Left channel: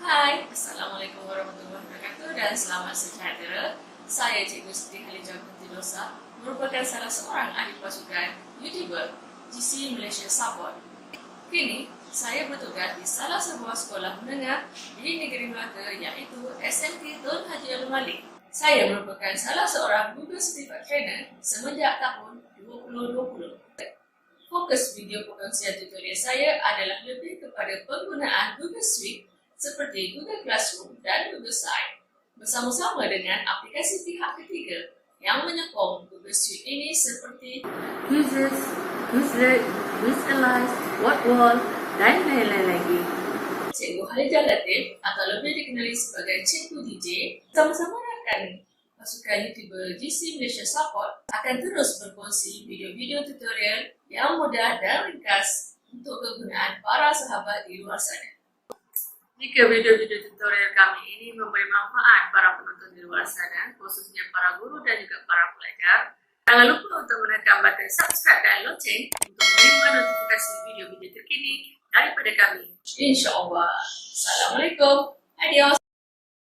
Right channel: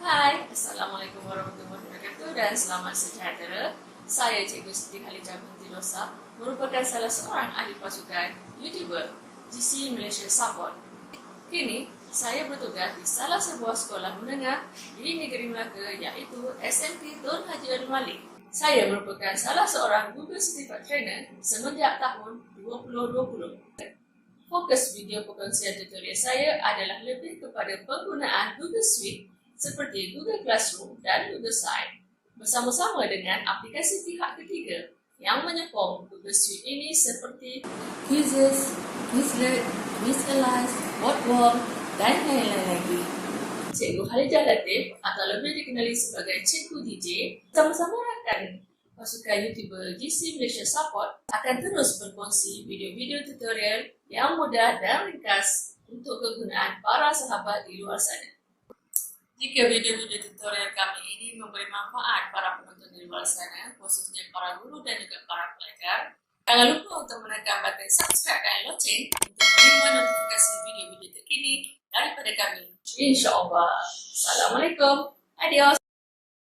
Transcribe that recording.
Hai, Assalamualaikum warahmatullahi wabarakatuh dan selamat sejahtera. Saya Cikgu Siti Khalijah binti Dosa merupakan salah seorang ahli pasukan YouTuber GC Malaysia Support. Kini, saya bertugas di salah sebuah sekolah menengah di negeri Melaka iaitu SMP Tun Haji Abdul Malik. Saya merupakan salah seorang Google Certified Trainer semenjak tahun 2020. Fokus video perkongsian tutorial saya adalah lebih kepada penggunaan Google Suite seperti Google Classroom dan Google Site bersama-sama dengan aplikasi pihak ketiga yang menyokong Google Suite ini seperti Quizzes, Quizlet, Quizalize, Wordwall dan lain-lain lagi. Cikgu Khalijah Latif atau lebih dikenali sebagai Cikgu DJ sama-sama rakan pasukan YouTuber GC Malaysia Support akan terus berkongsi video-video tutorial yang mudah dan ringkas untuk kegunaan para sahabat di luar sana. Jika video-video tutorial kami ini memberi manfaat para penonton di luar sana, khususnya para guru dan juga para pelajar, jangan lupa untuk menekan button subscribe dan loceng untuk menerima notifikasi video-video terkini daripada kami. InsyaAllah. Assalamualaikum. Adios.